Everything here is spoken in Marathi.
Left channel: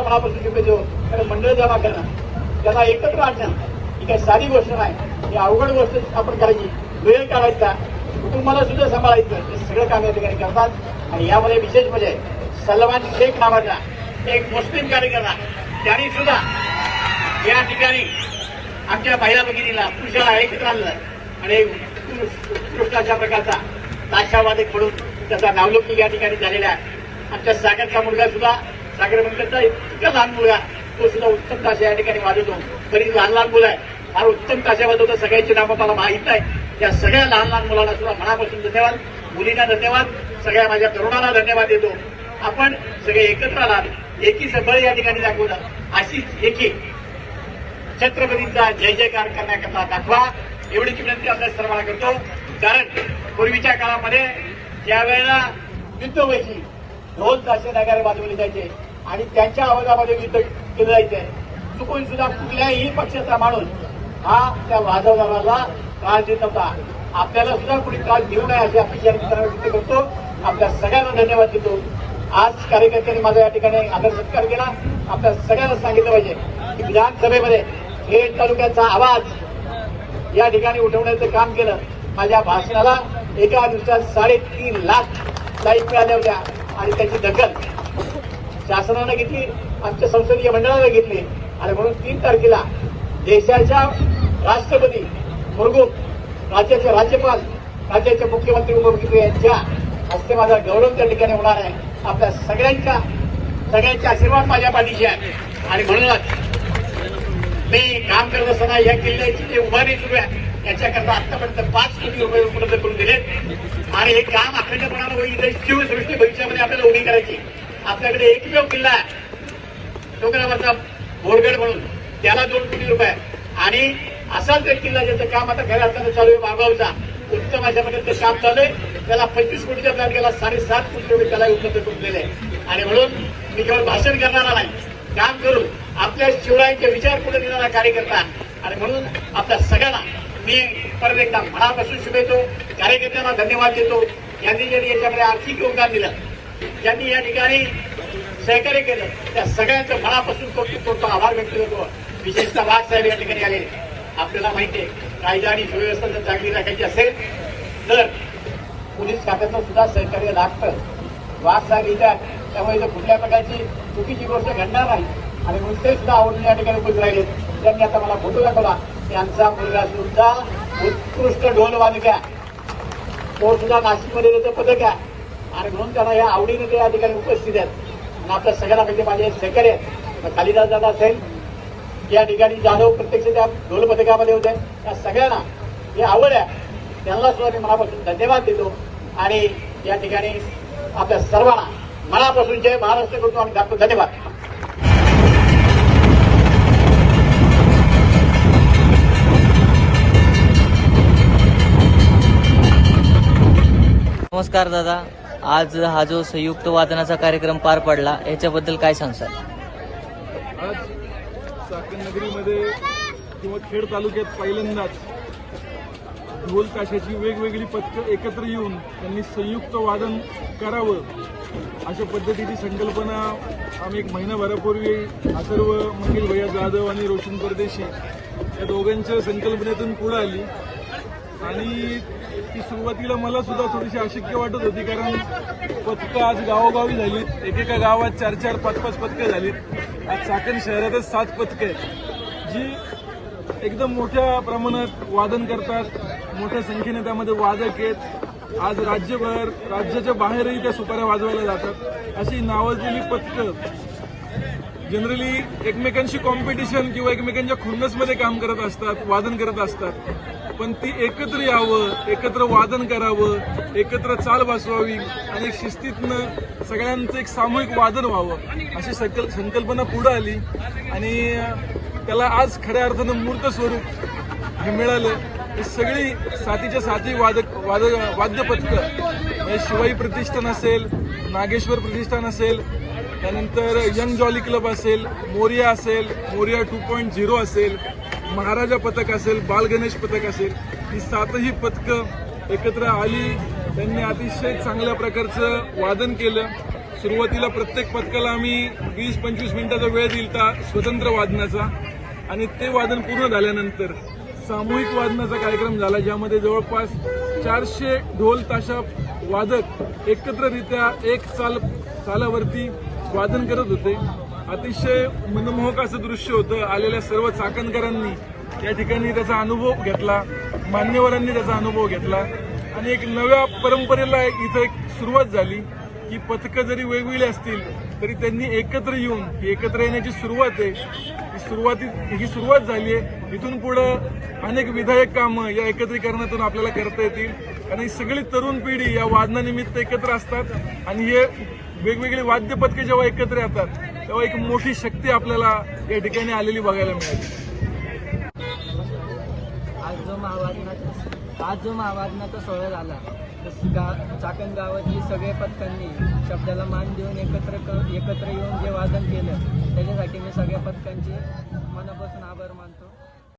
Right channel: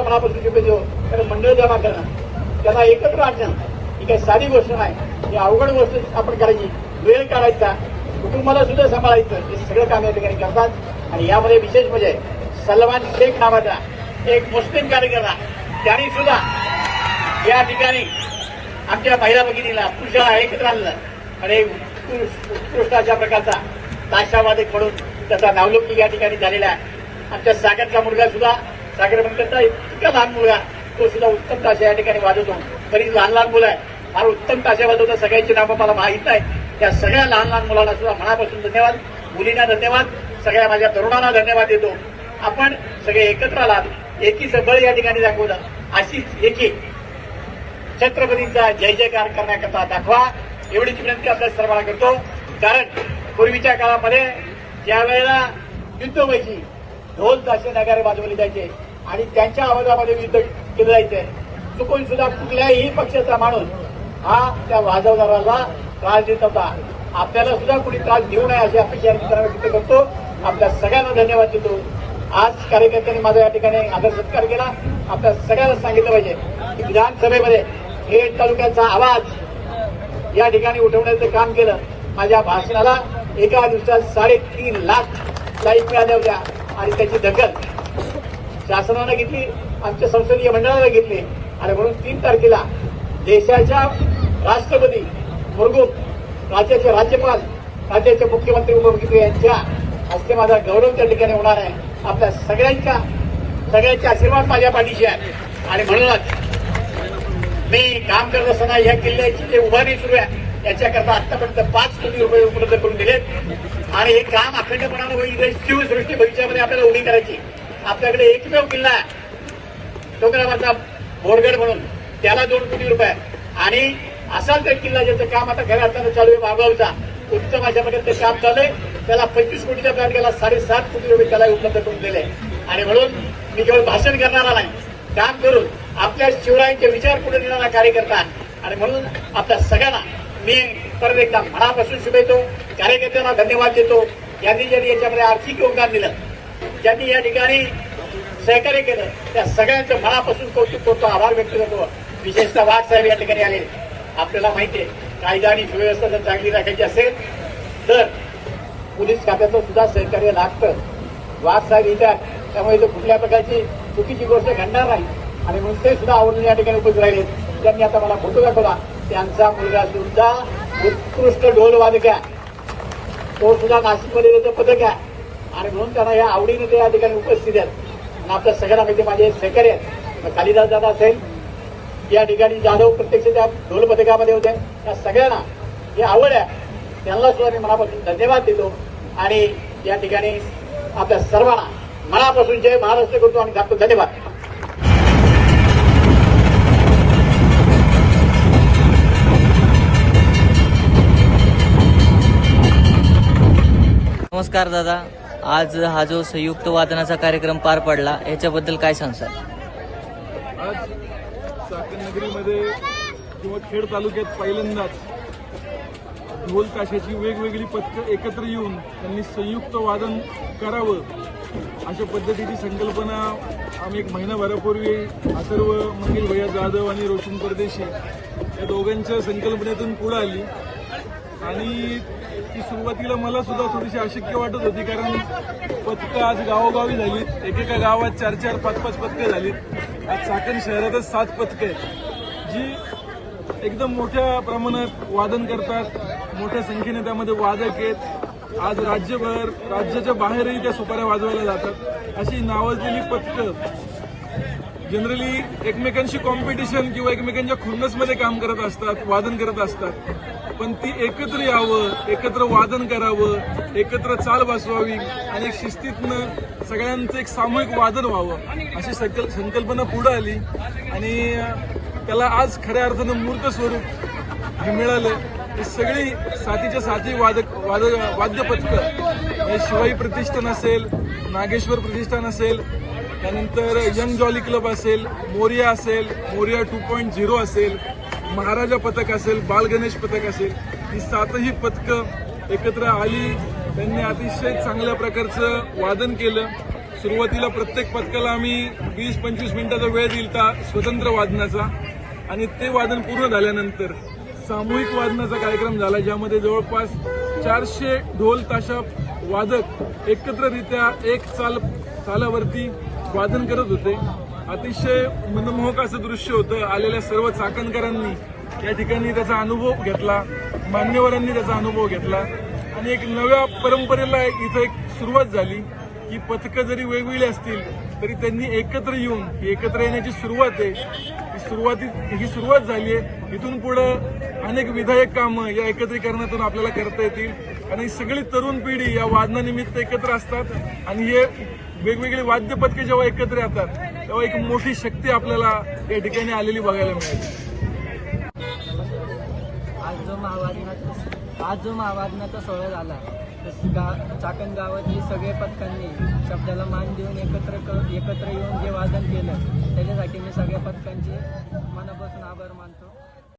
मनापासून शिकवतो कारण मंडळ जमा करणं त्यांना एकत्र आणणं. ही काही साधी गोष्ट नाही. ही अवघड गोष्ट आपण करायची. वेळ काढायचा. कुटुंबाला सुद्धा सांभाळायचं. हे सगळे काम या ठिकाणी करतात. आणि यामध्ये विशेष म्हणजे सलमान शेख नावाचा एक मुस्लिम कार्यकर्ता. त्यांनी सुद्धा या ठिकाणी आमच्या महिला भगिनीला पुरुषाला एकत्र आणलं. आणि उत्कृष्ट अशा प्रकारचा ताशावादक म्हणून त्याचा नावलौकिक या ठिकाणी झालेला आहे. आमच्या सागरचा मुलगा सुद्धा सागर म्हणतात इतका लहान मुलगा तो सुद्धा उत्तम ताशा या ठिकाणी वाजवतो तरी लहान लहान मुलं आहे. हा उत्तम ताशा वाजवतो सगळ्यांची नावं मला माहीत नाही त्या सगळ्या लहान लहान मुलांना सुद्धा मनापासून धन्यवाद. मुलींना धन्यवाद. सगळ्या माझ्या तरुणांना धन्यवाद देतो. आपण सगळे एकत्र आलात. एकीचं बळ या ठिकाणी दाखवलं अशीच एकी. छत्रपतींचा जय जयकार करण्याकरता दाखवा. एवढीच विनंती आपल्या सर्वांना करतो. कारण पूर्वीच्या काळामध्ये ज्यावेळेला वेळेला ढोल ताशे नगारे वाजवले जायचे आणि त्यांच्या आवाजामध्ये युद्ध केलं जायचं चुकून सुद्धा कुठल्याही पक्षाचा माणूस हा त्या वाजवणाऱ्याला त्रास देत होता. आपल्याला सुद्धा कुणी त्रास देऊ नये अशी अपेक्षा व्यक्त करतो. आपल्या सगळ्यांना धन्यवाद देतो. आज कार्यकर्त्यांनी माझ्या या ठिकाणी आदर सत्कार केला. आपल्या सगळ्यांना सांगितलं पाहिजे की विधानसभेमध्ये हे तालुक्याचा आवाज या ठिकाणी उठवण्याचं काम केलं. माझ्या भाषणाला एका दिवसात साडेतीन लाख लाईक मिळाल्या होत्या. आणि त्याची दखल. शासनानं घेतली आमच्या संसदीय मंडळानं घेतली. आणि म्हणून तीन तारखेला देशाच्या राष्ट्रपती मुर्गू राज्याचे राज्यपाल राज्याचे मुख्यमंत्री मुर्गू यांच्या हस्ते माझा गौरव त्या ठिकाणी होणार आहे. आपल्या सगळ्यांच्या सगळ्यांचे आशीर्वाद माझ्या पाठीशी आहे. आणि म्हणूनच मी काम करत असताना या किल्ल्याची जी उभारणी सुरू आहे त्याच्याकरता आतापर्यंत पाच कोटी रुपये उपलब्ध करून दिले आणि हे काम अखंडपणाने होईल शिवसृष्टी भविष्यामध्ये आपल्याला उभी करायची. आपल्याकडे एकमेव किल्ला आहे तो ग्रामाचा माझा बोरगड म्हणून. त्याला दोन कोटी रुपये. आणि असाच एक किल्ला ज्याचं काम आता घर असताना चालू आहे मागावचा. उत्तम अशापर्यंत काम चालू आहे. त्याला पंचवीस कोटीचा तयार केला साडेसात कोटी रुपये त्याला उपलब्ध करून दिले. आणि म्हणून मी केवळ भाषण करणारा नाही. काम करून आपल्या शिवरायांचे विचार पुढे देणारा कार्यकर्ता. आणि म्हणून आपल्या सगळ्यांना मी परत एकदा मनापासून शुभेतो कार्यकर्त्यांना धन्यवाद देतो. यांनी ज्यांनी याच्यामध्ये आर्थिक योगदान दिलं ज्यांनी या ठिकाणी सहकार्य केलं त्या सगळ्यांचं मनापासून कौतुक करतो आभार व्यक्त करतो. विशेषतः वाघ साहेब या ठिकाणी आले. आपल्याला माहिती आहे कायदा आणि सुव्यवस्था जर चांगली राखायची असेल तर पोलीस खात्याचं सुद्धा सहकार्य लागतं. वाघ साहेब येतात त्यामुळे तो कुठल्या प्रकारची चुकीची गोष्ट घडणार नाही. आणि म्हणून सुद्धा आवडून या ठिकाणी उभे राहिले. त्यांनी आता मला फोटो दाखवला. त्यांचा मुलगा सुद्धा उत्कृष्ट ढोल वादक आहे. तो सुद्धा नाशिकमध्ये त्याचं पदक आहे. आणि म्हणून त्यांना या आवडीने ते या ठिकाणी उपस्थित आहेत. आता सगळ्यांना माहिती माझे सहकार्य आहेत. कालिदास दादा असेल या ठिकाणी जाधव प्रत्यक्ष त्या ढोल पथकामध्ये होते. या सगळ्यांना ही आवड आहे त्यांना सुद्धा मी मनापासून धन्यवाद देतो. आणि या ठिकाणी आपल्या सर्वांना मनापासून जय महाराष्ट्र करतो आणि धन्यवाद. नमस्कार दादा. आज हा जो संयुक्त वादनाचा कार्यक्रम पार पडला याच्याबद्दल काय सांगसाल? आज चाकणनगरीमध्ये किंवा खेड तालुक्यात पहिल्यांदाच ढोल ताशाची वेगवेगळी पथकं एकत्र येऊन त्यांनी संयुक्त वादन करावं अशा पद्धतीची संकल्पना आम्ही एक महिनाभरापूर्वी अथर्व मंगल भैया जाधव आणि रोशन परदेशी या दोघांच्या संकल्पनेतून पुढे आली. आणि ती सुरुवातीला मला सुद्धा थोडीशी अशक्य वाटत होती कारण पथकं आज गावोगावी झालीत. एकेका गावात चार चार पाच पाच पथकं झालीत. आज चाकण शहरातच सात पथकं आहेत जी एकदम मोठ्या प्रमाणात वादन करतात. मोठ्या संख्येने त्यामध्ये वादक आहेत. आज राज्यभर राज्याच्या बाहेरही त्या सुपाऱ्या वाजवायला जातात. अशी नावाजलेली पथकं जनरली एकमेकांशी कॉम्पिटिशन किंवा एकमेकांच्या खुन्नसमध्ये काम करत असतात वादन करत असतात. पण ती एकत्र यावं एकत्र वादन करावं एकत्र चाल बसवावी आणि एक शिस्तीतनं सगळ्यांचं एक सामूहिक वादन व्हावं अशी संकल संकल्पना पुढे आली. आणि त्याला आज खऱ्या अर्थानं मूर्त स्वरूप हे मिळालं. ही सगळी साथीच्या साथी वादक वाद वाद्य हे शिवाई प्रतिष्ठान असेल नागेश्वर प्रतिष्ठान असेल त्यानंतर यंग जॉली क्लब असेल मोरिया असेल मोरिया टू पॉईंट झिरो असेल महाराजा पथक असेल बालगणेश पथक असेल ही सातही पथकं एकत्र आली. त्यांनी अतिशय चांगल्या प्रकारचं वादन केलं. सुरुवातीला प्रत्येक पथकाला आम्ही वीस पंचवीस मिनिटाचा वेळ दिलता स्वतंत्र वादनाचा. आणि ते वादन पूर्ण झाल्यानंतर सामूहिक वादनाचा कार्यक्रम झाला ज्यामध्ये जवळपास चारशे ढोल ताशा वादक एकत्ररित्या एक साल सालावरती वादन करत होते. अतिशय मनमोहक असं दृश्य होतं. आलेल्या सर्व चाकणकरांनी या ठिकाणी त्याचा अनुभव घेतला. मान्यवरांनी त्याचा अनुभव घेतला. आणि एक नव्या परंपरेला इथं एक सुरुवात झाली की पथकं जरी वेगवेगळी असतील तरी त्यांनी एकत्र येऊन ही एकत्र येण्याची सुरुवात आहे. ही सुरुवाती ही सुरुवात झाली आहे. इथून पुढं अनेक विधायक कामं या एकत्रीकरणातून आपल्याला करता येतील. आणि सगळी तरुण पिढी या वादनानिमित्त एकत्र असतात. आणि हे वेगवेगळी वाद्यपथके जेव्हा एकत्र येतात तेव्हा एक मोठी शक्ती आपल्याला या ठिकाणी आलेली बघायला मिळेल. आज जो महावादनाचा आज जो महावादनाचा सोहळा झाला गा चाकण गावातले सगळे पथकांनी शब्दाला मान देऊन एकत्र कर एकत्र येऊन जे वादन केलं त्याच्यासाठी मी सगळ्या पथकांचे मनापासून आभार मानतो.